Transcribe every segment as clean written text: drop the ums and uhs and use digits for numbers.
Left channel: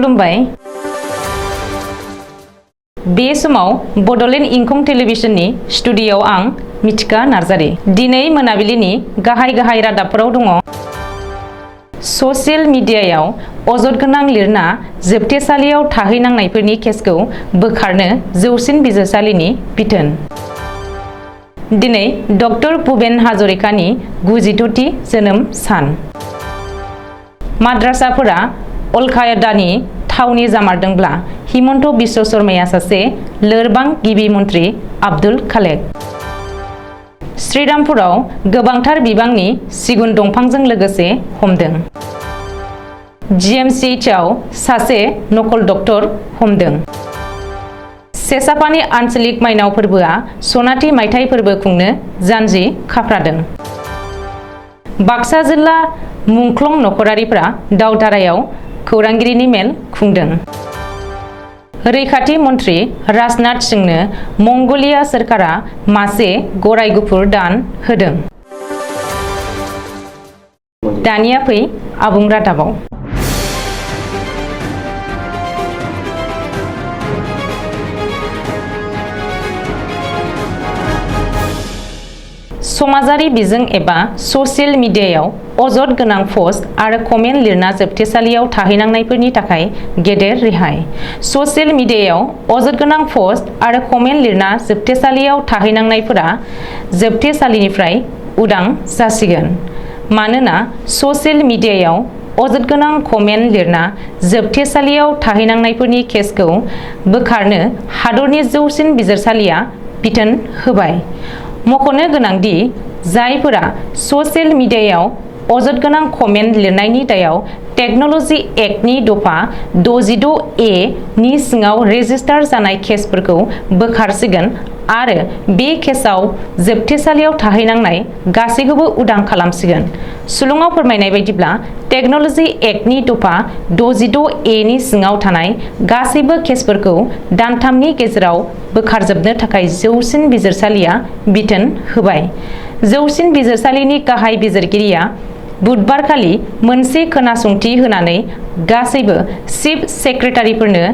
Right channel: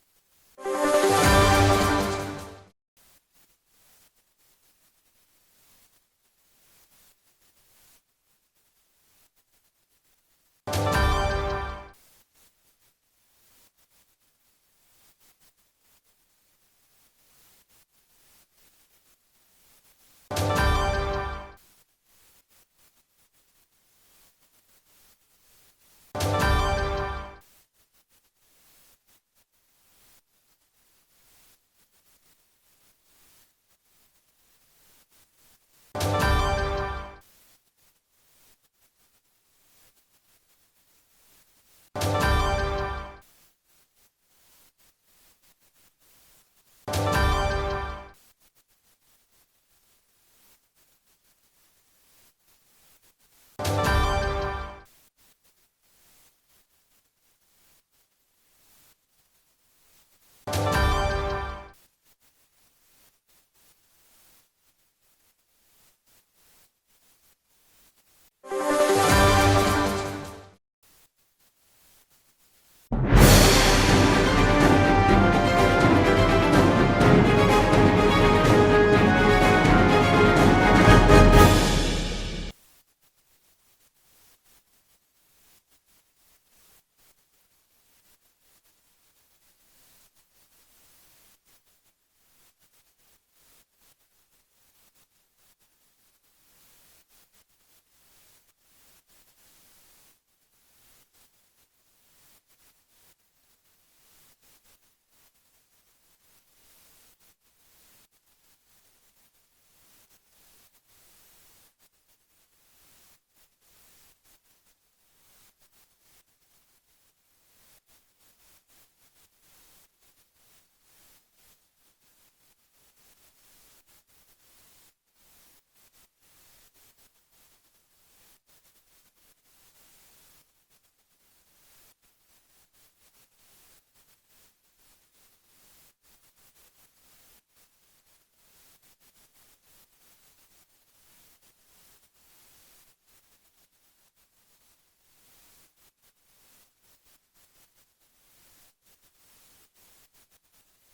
खुलुमबाय। बे समाव बड'लेण्ड इंखं टेलिभिजननि स्टुडिय'आव आं मिथिका नार्जारी। दिनै मोनाबिलिनि गाहाय रादाबफोराव दङ। ससियेल मिडियायाव अजद गोनां लिरना जोबथेसालियाव थाहैनांनायफोरनि केसखौ बोखारनो जौसिन बिजिरसालिनि बिथोन। दिनै डक्टर भुपेन हाजरिकानि 96थि जोनोम सान। माद्रासाफोरा अलकायदानि थावनि जामारदोंब्ला हिमन्त बिश्व शर्माया सासे लोरबां गिबि मन्त्रि आब्दुल खालेक। श्रीरामपुराव गोबांथार बिबांनि सिगुन दंफांजों लोगोसे हमदों। GMCHआव सासे नकल डक्टर हमदों। सेसापानि आन्चलिक माइनाव फोरबोआ सनाथि मायथाइ फोरबो खुंनो जानजि खाफ्रादों। बाक्सा जिल्ला मुंख्लं नखरारिफ्रा दावधारायाव खौरांगिरिनि मेल खुंदों। रैखाथि मन्त्रि राजनाथ सिंहनो मंगलिया सोरखारा मासे गराय गुफुर दान होदों। दानिया फै आबुं रादाबाव। समाजारि बिजों एबा ससियेल मिडियायाव अजद गोनां पस्ट आरो कमेन्ट लिरना जोबथेसालियाव थाहैनांनायफोरनि थाखाय गेदेर रेहाय। ससियेल मिडियायाव अजद गोनां पस्ट आरो कमेन्ट लिरना जोबथेसालियाव थाहैनांनायफोरा जोबथेसालिनिफ्राय उदां जासिगोन। मानोना ससियेल मिडियायाव अजद गोनां कमेन्ट लिरना जोबथेसालियाव थाहैनांनायफोरनि केसखौ बोखारनो हादरनि जौसिन बिजिरसालिया बिथोन होबाय। मख'नो गोनांदि जायफोरा ससियेल मिडियायाव अजद गोनां कमेन्ट लिरनायनि दायाव टेक्न'लजि एक्टनि दफा 66A नि सिङाव रेजिस्टार जानाय केसफोरखौ बोखारसिगोन आरो बे केसआव जोबथेसालियाव थाहैनांनाय गासैखौबो उदां खालामसिगोन। सुलुङाव फोरमायनाय बायदिब्ला टेक्न'लजि एक्टनि दफा 66A नि सिङाव थानाय गासैबो केसफोरखौ दानथामनि गेजेराव बोखारजोबनो थाखाय जौसिन बिजिरसालिया बिथोन होबाय। जौसिन बिजिरसालिनि गाहाय बिजिरगिरिया बुधबारखालि मोनसे खोनासंथि होनानै गासैबो चिफ सेक्रेटारिफोरनो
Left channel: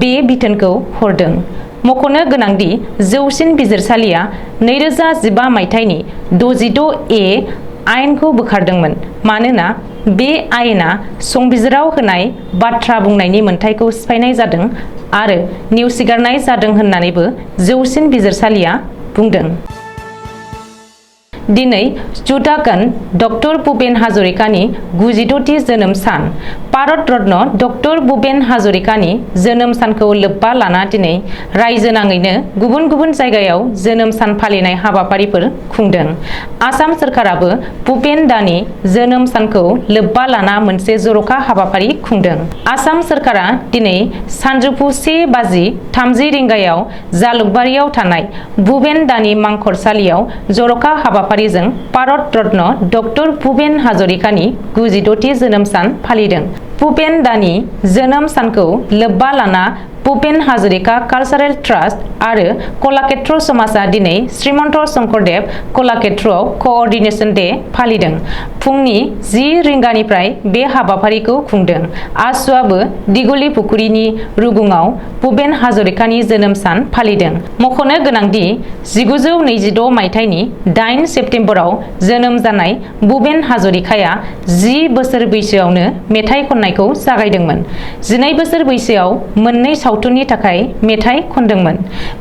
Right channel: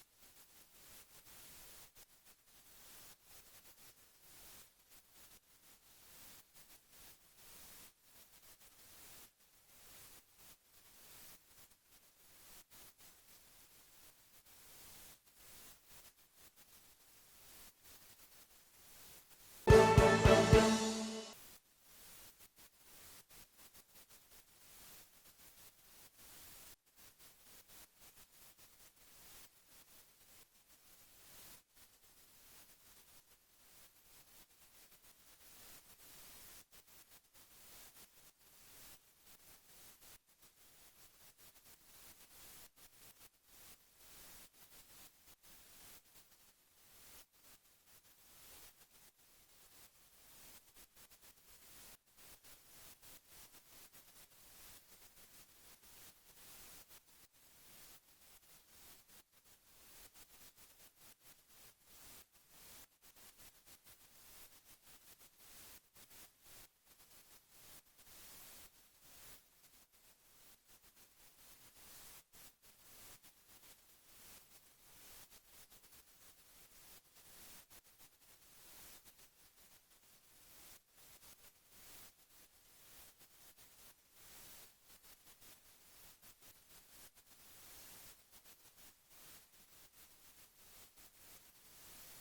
बे बिथोनखौ हरदों। मख'नो गोनांदि जौसिन बिजिरसालिया 2015 मायथाइनि 66A आयेनखौ बोखारदोंमोन मानोना बे आयेना संबिजिराव होनाय बाथ्रा बुंनायनि मोन्थाइखौ सिफायनाय जादों आरो नेवसिगारनाय जादों होननानैबो जौसिन बिजिरसालिया बुंदों। दिनै जुटागोन डक्टर भुपेन हाजरिकानि 96थि जोनोम सान। भारत रत्न डक्टर भुपेन हाजरिकानि जोनोम सानखौ लोब्बा लाना दिनै रायजो नाङैनो गुबुन गुबुन जायगायाव जोनोम सान फालिनाय हाबाफारिफोर खुंदों। आसाम सोरखाराबो भुपेन दानि जोनोम सानखौ लोब्बा लाना मोनसे जर'खा हाबाफारि खुंदों। आसाम सोरखारा दिनै सानजौफु 1:30 रिंगायाव जालुकबारियाव थानाय भुपेन दानि मांखरसालियाव जर'खा हाबाफारिजों भारत रत्न डक्टर भुपेन हाजरिकानि 96थि जोनोम सान फालिदों। भुपेन दानि जोनोम सानखौ लोब्बा लाना भुपेन हाजरिका कालचारेल ट्रास्ट आरो कलाक्षेत्र समाजा दिनै श्रीमन्त शंकरदेव कलाक्षेत्रआव क'अर्डिनेशन डे फालिदों। फुंनि 10 रिंगानिफ्राय बे हाबाफारिखौ खुंदों। आसुआबो दिगुलि पुखुरिनि रुगुङाव भुपेन हाजरिकानि जोनोम सान फालिदों। मख'नो गोनांदि 1926 मायथाइनि 8 सेप्तेम्बराव जोनोम जानाय भुपेन हाजरिकाया 10 बोसोर बैसोआवनो मेथाइ खननायखौ जागायदोंमोन। 12 बोसोर बैसोआव मोननै सावथुननि थाखाय मेथाइ खनदोंमोन।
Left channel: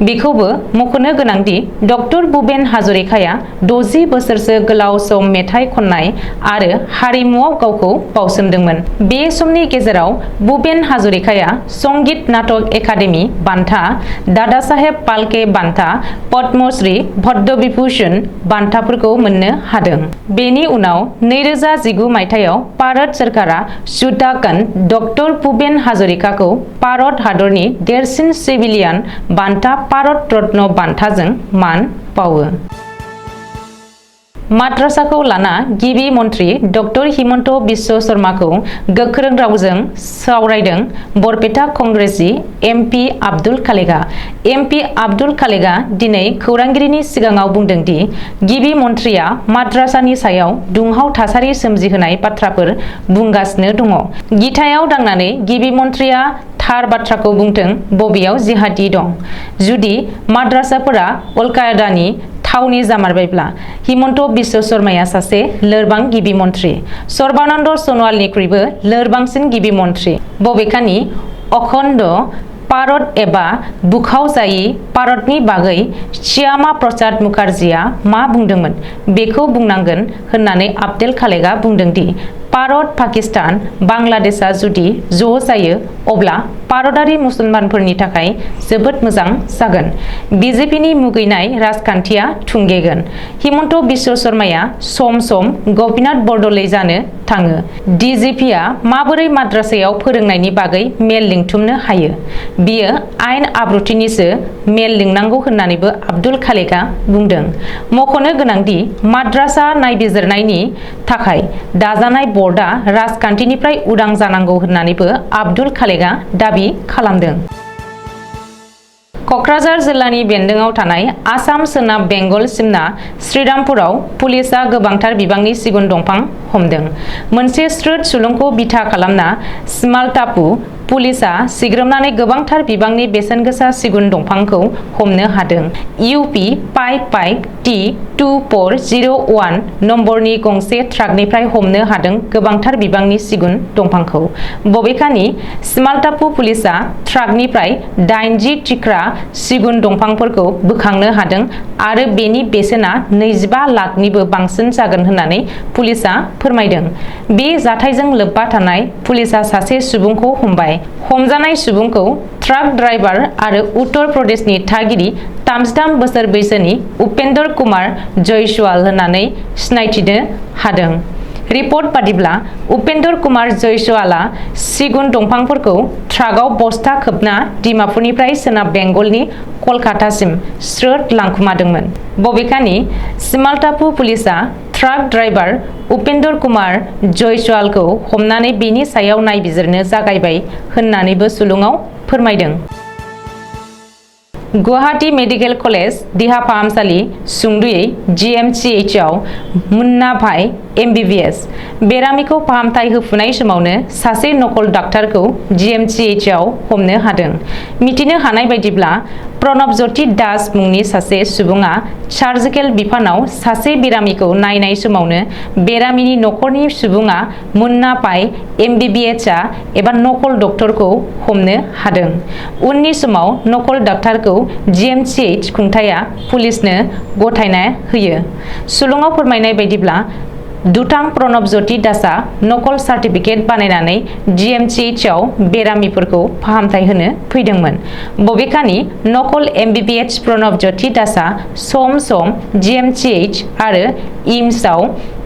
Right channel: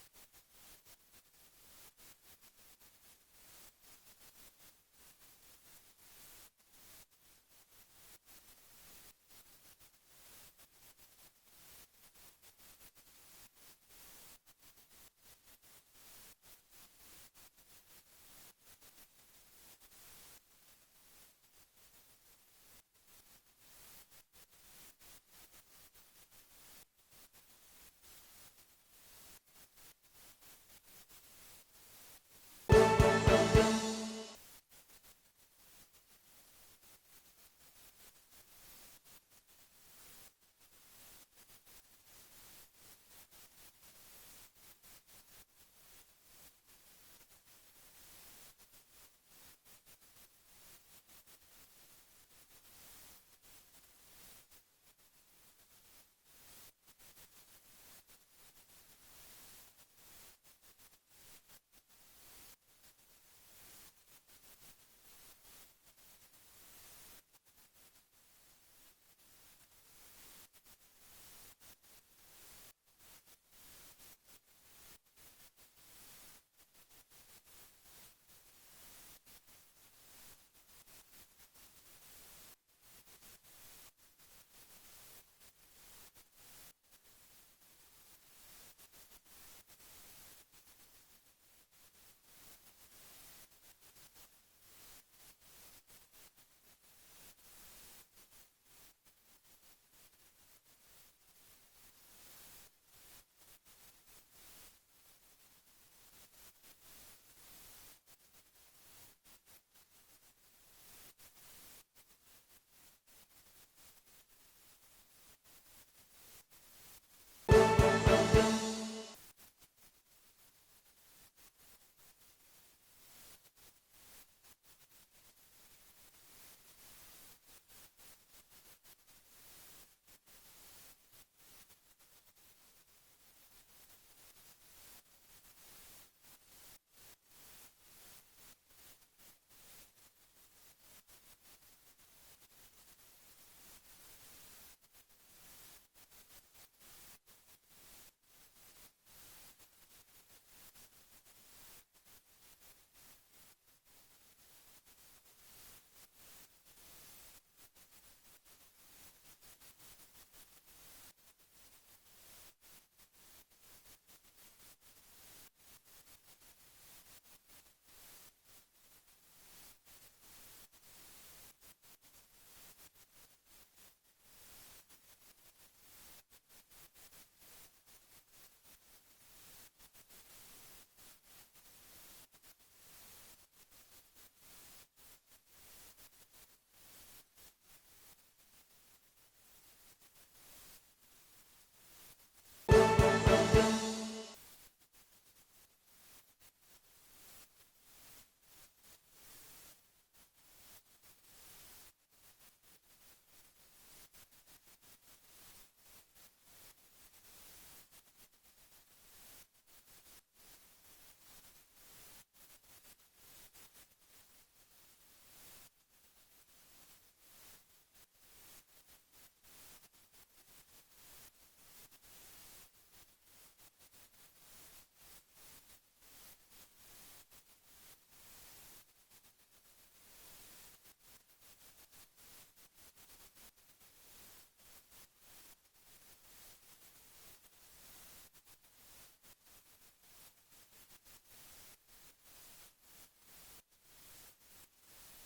बेखौबो मख'नो गोनांदि डक्टर भुपेन हाजरिकाया 60 बोसोरसो गोलाव सम मेथाइ खननाय आरो हारिमुआव गावखौ बावसोमदोंमोन। बे समनि गेजेराव भुपेन हाजरिकाया संगीत नाटक एकाडेमि बान्था, दादा साहेब फाल्के बान्था, पद्मश्री, पद्म विभूषण बान्थाफोरखौ मोननो हादों। बेनि उनाव 2019 मायथाइयाव भारत सोरखारा जुटागोन डक्टर भुपेन हाजरिकाखौ भारत हादरनि देरसिन सिभिलियान बान्था भारत रत्न बान्थाजों मान बावो। माद्रासाखौ लाना गिबि मन्त्रि डक्टर हिमन्त बिश्व शर्माखौ गोख्रों रावजों सावरायदों बरपेटा कंग्रेसनि एमपि आब्दुल खालेकआ। एमपि आब्दुल खालेकआ दिनै खौरांगिरिनि सिगाङाव बुंदों दि गिबि मन्थ्रिया माद्रासानि सायाव दुंहाव थासारि सोमजिहोनाय बाथ्राफोर बुंगासिनो दङ। गिथायाव दांनानै गिबि मन्थ्रिया थार बाथ्राखौ बुंथों बबेयाव जिहादि दं। जुदि माद्रासाफोरा अलकायदानि थावनि जामारबायब्ला हिमन्त बिश्व शर्माया सासे लोरबां गिबि मन्थ्रि, सर्बानन्द सन'वालनिख्रुइबो लोरबांसिन गिबि मन्थ्रि। बबेखानि अखण्ड भारत एबा बुखावजायि भारतनि बागै श्यामा प्रसाद मुखार्जीआ मा बुंदोंमोन बेखौ बुंनांगोन होननानै आब्दुल खालेकआ बुंदों दि भारत, पाकिस्तान, बांलादेशआ जुदि ज' जायो अब्ला भारतारि मुसलमानफोरनि थाखाय जोबोद मोजां जागोन। बिजेपिनि मुगैनाय राजखान्थिया थुंगेगोन। हिमन्त बिश्व शर्माया सम सम गपिनाथ बरदलै जानो थाङो। डिजिपिआ माबोरै माद्रासायाव फोरोंनायनि बागै मेल लिंथुमनो हायो? बियो आयेन आब्रुथिनिसो मेल लिंनांगौ होननानैबो आब्दुल खालेकआ बुंदों। मख'नो गोनांदि माद्रासा नायबिजिरनायनि थाखाय दाजानाय बर्डआ राजखान्थिनिफ्राय उदां जानांगौ होननानैबो आब्दुल खालेकआ दाबि खालामदों। क'क्राझार जिल्लानि बेन्दोङाव थानाय आसाम सोनाब बेंगल सिमना श्रीरामपुराव पुलिसआ गोबांथार बिबांनि सिगुन दंफां हमदों। मोनसे स्रोद सुलुंखौ बिथा खालामना स्मालटापु पुलिसआ सिग्रोमनानै गोबांथार बिबांनि बेसेनगोसा सिगुन दंफांखौ हमनो हादों। इउपि 55 T2401 नम्बरनि गंसे ट्राकनिफ्राय हमनो हादों गोबांथार बिबांनि सिगुन दंफांखौ। बबेखानि स्मालटापु पुलिसआ ट्राकनिफ्राय 80 थिख्रा सिगुन दंफांफोरखौ बोखांनो हादों आरो बेनि बेसेना 25 लाखनिबो बांसिन जागोन होननानै पुलिसआ फोरमायदों। बे जाथायजों लोब्बा थानाय पुलिसआ सासे सुबुंखौ हमबाय। हमजानाय सुबुंखौ ट्राक ड्राइभार आरो उत्तर प्रदेशनि थागिरि 33 बोसोर बैसोनि उपेन्द्र कुमार जयसवाल होननानै सिनायथिनो हादों। रिपर्ट बादिब्ला उपेन्द्र कुमार जयसवालआ सिगुन दंफांफोरखौ ट्राकआव बस्ता खोबना डिमापुरनिफ्राय सोनाब बेंगलनि कलकातासिम स्रोद लांखुमादोंमोन। बबेखानि स्मालटापु पुलिसआ ट्राक ड्राइभार उपेन्द्र कुमार जयसवालखौ हमनानै बेनि सायाव नायबिजिरनो जागायबाय होननानैबो सुलुङाव फोरमायदों। गुवाहाटी मेडिकेल कलेज देहा फाहामसालि सुंद'यै GMCHआव मुन्ना भाई MBBS बेरामिखौ फाहामथाय होफुनाय समावनो सासे नकल डाक्टारखौ GMCHआव हमनो हादों। मिथिनो हानाय बायदिब्ला प्रणबज्योति दास मुंनि सासे सुबुङा सार्जिकेल बिफानाव सासे बेरामिखौ नायनाय समावनो बेरामिनि नखरनि सुबुङा मुन्ना भाई MBBSआ एबा नकल डक्टरखौ हमनो हादों। उननि समाव नकल डाक्टारखौ GMCH खुंथाया पुलिसनो गथायना होयो। सुलुङाव फोरमायनाय बायदिब्ला दुथां प्रणबज्योति दासआ नकल सार्टिफिकेट बानायनानै GMCHआव बेरामिफोरखौ फाहामथाय होनो फैदोंमोन। बबेखानि नकल MBBS प्रणबज्योति दासआ सम सम GMCH आरो इम्सआव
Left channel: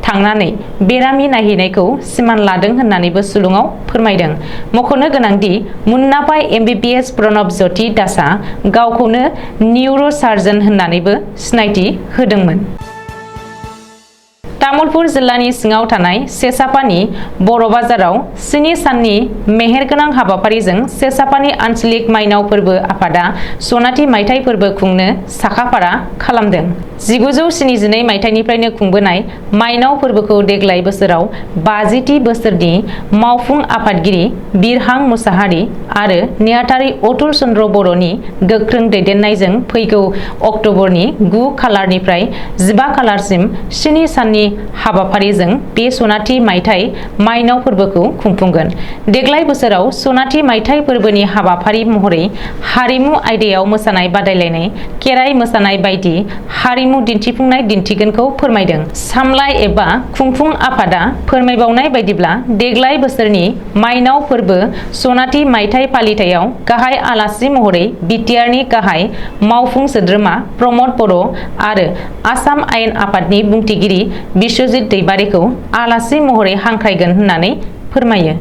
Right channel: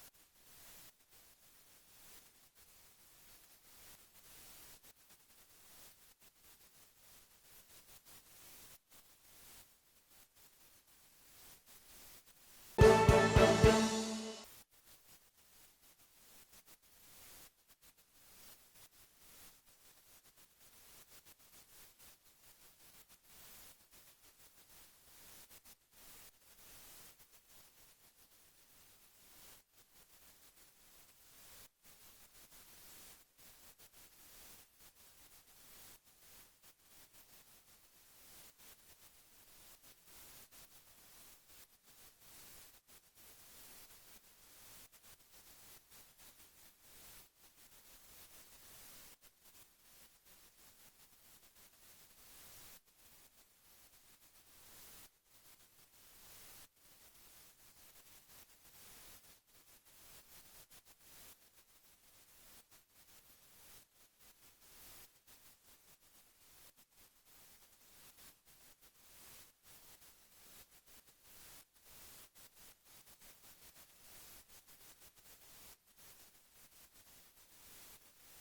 थांनानै बेरामि नायहैनायखौ सिमान लादों होननानैबो सुलुङाव फोरमायदों। मख'नो गोनांदि मुन्ना भाई MBBS प्रणबज्योति दासआ गावखौनो निउर' सार्जन होननानैबो सिनायथि होदोंमोन। तामुलपुर जिल्लानि सिङाव थानाय सेसापानि बर' बाजाराव 7 साननि मेहेरगोनां हाबाफारिजों सेसापानि आन्चलिक माइनाव फोरबो आफादा सनाथि मायथाइ फोरबो खुंनो साखाफारा खालामदों। 1972 मायथाइनिफ्रायनो खुंबोनाय माइनाव फोरबोखौ देग्लाय बोसोराव 50थि बोसोरनि मावफुं आफादगिरि बिरहां मुसाहारि आरो नेहाथारि अतुल चन्द्र बर'नि गोख्रों दैदेननायजों फैगौ अक्ट'बरनि 9 खालारनिफ्राय 15 खालारसिम 7 साननि हाबाफारिजों बे सनाथि मायथाइ माइनाव फोरबोखौ खुंफुंगोन। देग्लाय बोसोराव सनाथि मायथाइ फोरबोनि हाबाफारि महरै हारिमु आयदायाव मोसानाय बादायलायनाय, खेराइ मोसानाय बायदि हारिमु दिन्थिफुंनाय दिन्थिगोनखौ फोरमायदों। सामलाय एबा खुंफुं आफादा फोरमायबावनाय बायदिब्ला देग्लाय बोसोरनि माइनाव फोरबो सनाथि मायथाइ फालिथायाव गाहाय आलासि महरै बिटिआरनि गाहाय मावफुं सोद्रोमा प्रमद बर' आरो आसाम आयेन आफादनि बुंथिगिरि बिश्वजित दैबारिखौ आलासि महरै हांख्रायगोन होननानै फोरमायो।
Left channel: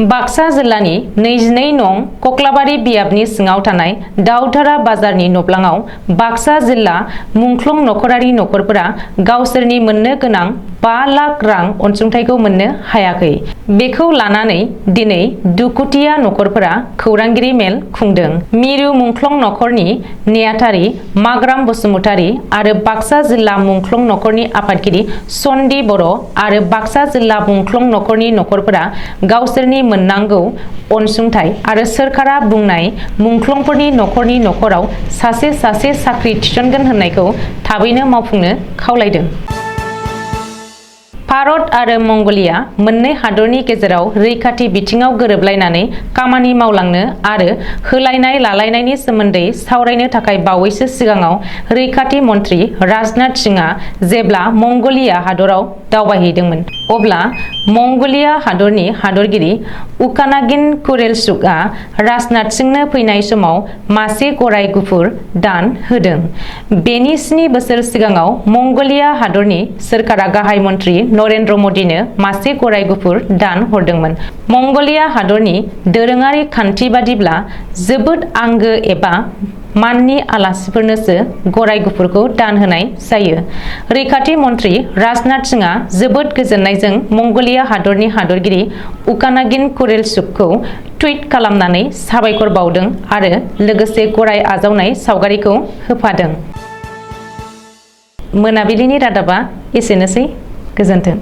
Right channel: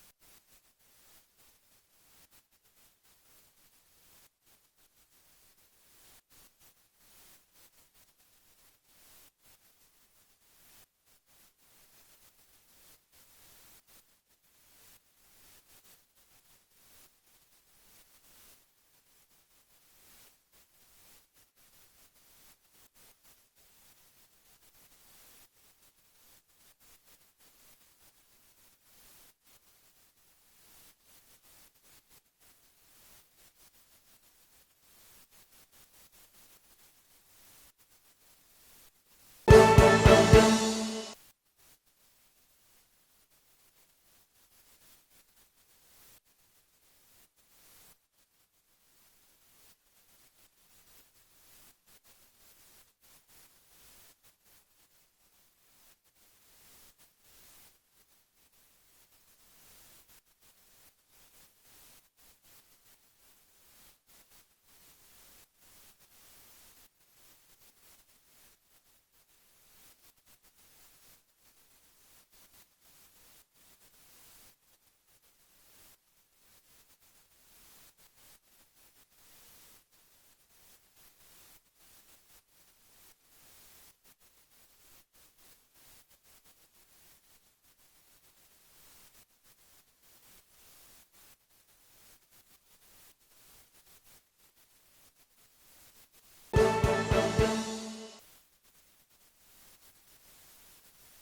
बाक्सा जिल्लानि 22 नं कक्लाबारि बियाबनि सिङाव थानाय दाउधारा बाजारनि नब्लाङाव बाक्सा जिल्ला मुंख्लं नखरारि नखरफोरा गावसोरनि मोननो गोनां 5 लाख रां अनसुंथाइखौ मोननो हायाखै। बेखौ लानानै दिनै दुखुथिया नखरफोरा खौरांगिरि मेल खुंदों। मिरु मुंख्लं नखरनि नेहाथारि माग्राम बसुमतारी आरो बाक्सा जिल्ला मुंख्लं नखरनि आफादगिरि सन्दि बर' आरो बाक्सा जिल्ला मुंख्लं नखरनि नखरफोरा गावसोरनि मोननांगौ अनसुंथाइ आरो सोरखारा बुंनाय मुंख्लंफोरनि नखरनि नखराव सासे साख्रि थिसनगोन होननायखौ थाबैनो मावफुंनो खावलायदों। भारत आरो मंगोलिया मोननै हादरनि गेजेराव रैखाथि बिथिङाव गोरोबलायनानै खामानि मावलांनो आरो होलायनाय लालायनायनि सोमोन्दै सावरायनो थाखाय बावैसो सिगाङाव रैखाथि मन्त्रि राजनाथ सिंहआ जेब्ला मंगोलिया हादराव दावबायहैदोंमोन, अब्ला मंगोलिया हादरनि हादरगिरि उकानागिन कुरेलसुकआ राजनाथ सिंहनो फैनाय समाव मासे गराय गुफुर दान होदों। बेनि 7 बोसोर सिगाङाव मंगोलिया हादरनि सोरखारा गाहाय मन्त्रि नरेन्द्र मदिनो मासे गराय गुफुर दान हरदोंमोन। मंगोलिया हादरनि दोरोङारि खान्थि बादिब्ला जोबोद आंगो एबा माननि आलासिफोरनोसो गराय गुफुरखौ दान होनाय जायो। रैखाथि मन्त्रि राजनाथ सिंहआ जोबोद गोजोननायजों मंगोलिया हादरनि हादरगिरि उकानागिन कुरेलसुकखौ टुइट खालामनानै साबायखर बावदों आरो लोगोसे गराय आजावनाय सावगारिखौ होफादों। मोनाबिलिनि रादाबा एसेनोसै। गोजोन्थों।